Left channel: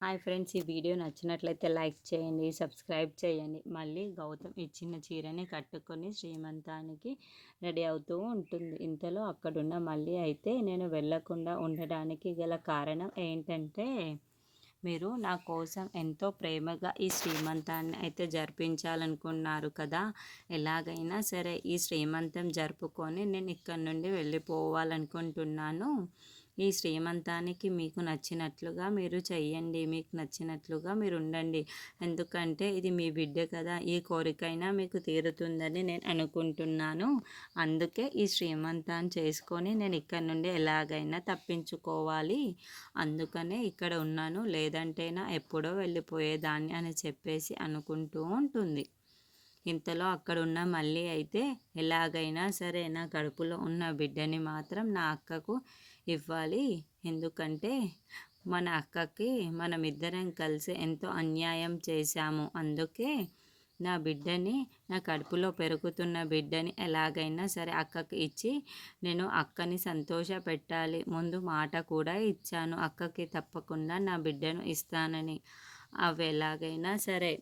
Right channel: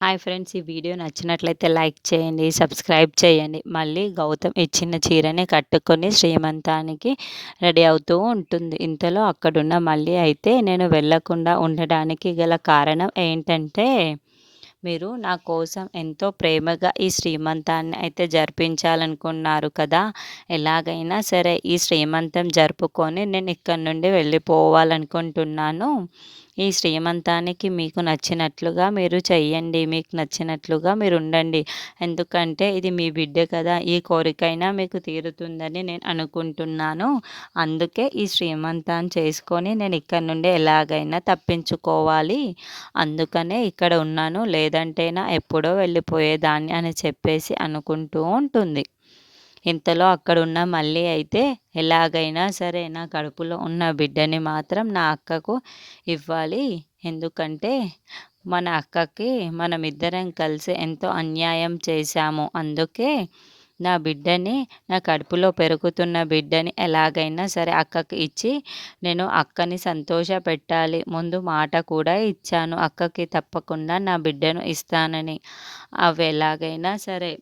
Hi friends. ఈ video నచ్చినట్లయితే like చేయండి, సబ్స్క్రైబ్ చేయండి. మళ్ళీ గౌతమ్ ఇచ్చిన చీరనే కట్టుకొని శ్రీమంతానికి రెడీ అవుతూ ఉంటుంది. ఇంతలో అక్కడున్న మల్లి అయితే నేను వెళ్ళకుండా ఉండడానికి గల కారణం ఏంటంటే, మీరు నా కోసం ఎంతో ప్రేమగా ఈ శ్రీమంతాన్ని అయితే జరిపించాలనుకున్నారు కదా! ఎలాగైనా సరే ఈ శ్రీమంతం జరుపుకొని నేను ఇక్కడి నుండి వెళ్ళిపోవాలనుకుంటున్నాను. ఈ శ్రీమంతానికి మీకు నచ్చినట్లుగా మీరు చెయ్యండి. మీకు నచ్చినట్లుగా మీరుండండి. ఎందుకంటే ఇది మీ బిడ్డ కదా! ఈ కోరికైనా మీకు తీరుతుందని నేను అనుకుంటున్నాను. అందుకే ఈ శ్రీమంతాన్ని చేసుకొని నేను ఇక్కడి నుండి ఎలాగైనా తప్పించుకోవాలి. అందుకనే ఇక్కడ ఉన్నాను. లేదంటేనా ఎప్పుడో వెళ్ళిపోయేదాన్ని అని చెప్పేసి అనుకుంటూ ఉంటుంది. ఇంతలో అక్కడున్న మల్లి అయితే ఎలాగైనా సరే నా కడుపులో ఉన్న బిడ్డని మాత్రం నా అక్కకు ఇవ్వాలి. ఎందుకంటే మన అక్కకి మనమిద్దరం కలిసి ఎంతో అన్యాయం చేశాము. అందుకే నా బిడ్డని, నా కడుపులో పెరుగుతున్న బిడ్డని ఎలాగైనా సరే అక్కకి ఇచ్చి నేను అక్కని సంతోషపెట్టాలి. ముందు మాట కూడా ఇచ్చాను అక్కకి తప్పకుండా నా బిడ్డను ఇస్తానని. అవి ఎలాగైనా సరే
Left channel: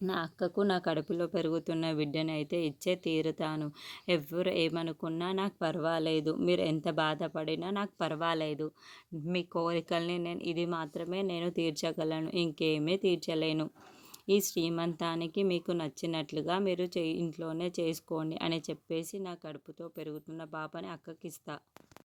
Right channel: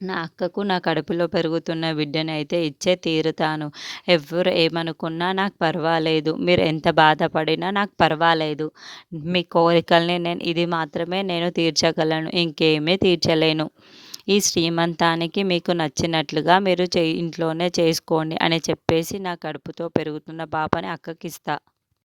నా అక్కకు నా కడుపులో పెరుగుతున్న బిడ్డనైతే ఇచ్చే తీరుతాను. ఎవ్వరు ఏమనుకున్నా నాకు పర్వాలేదు. మీరు ఎంత బాధపడినా నాకు పర్వాలేదు. మీ కోరికల్ని ఇది మాత్రమే నేను తీర్చగలను. ఇంకేమీ తీర్చలేను. ఈ శ్రీమంతానికి మీకు నచ్చినట్లుగా మీరు ఇంట్లోనే చేసుకోండి అని చెప్పేసి నా కడుపుతో పెరుగుతున్న పాపని అక్కకిస్తా.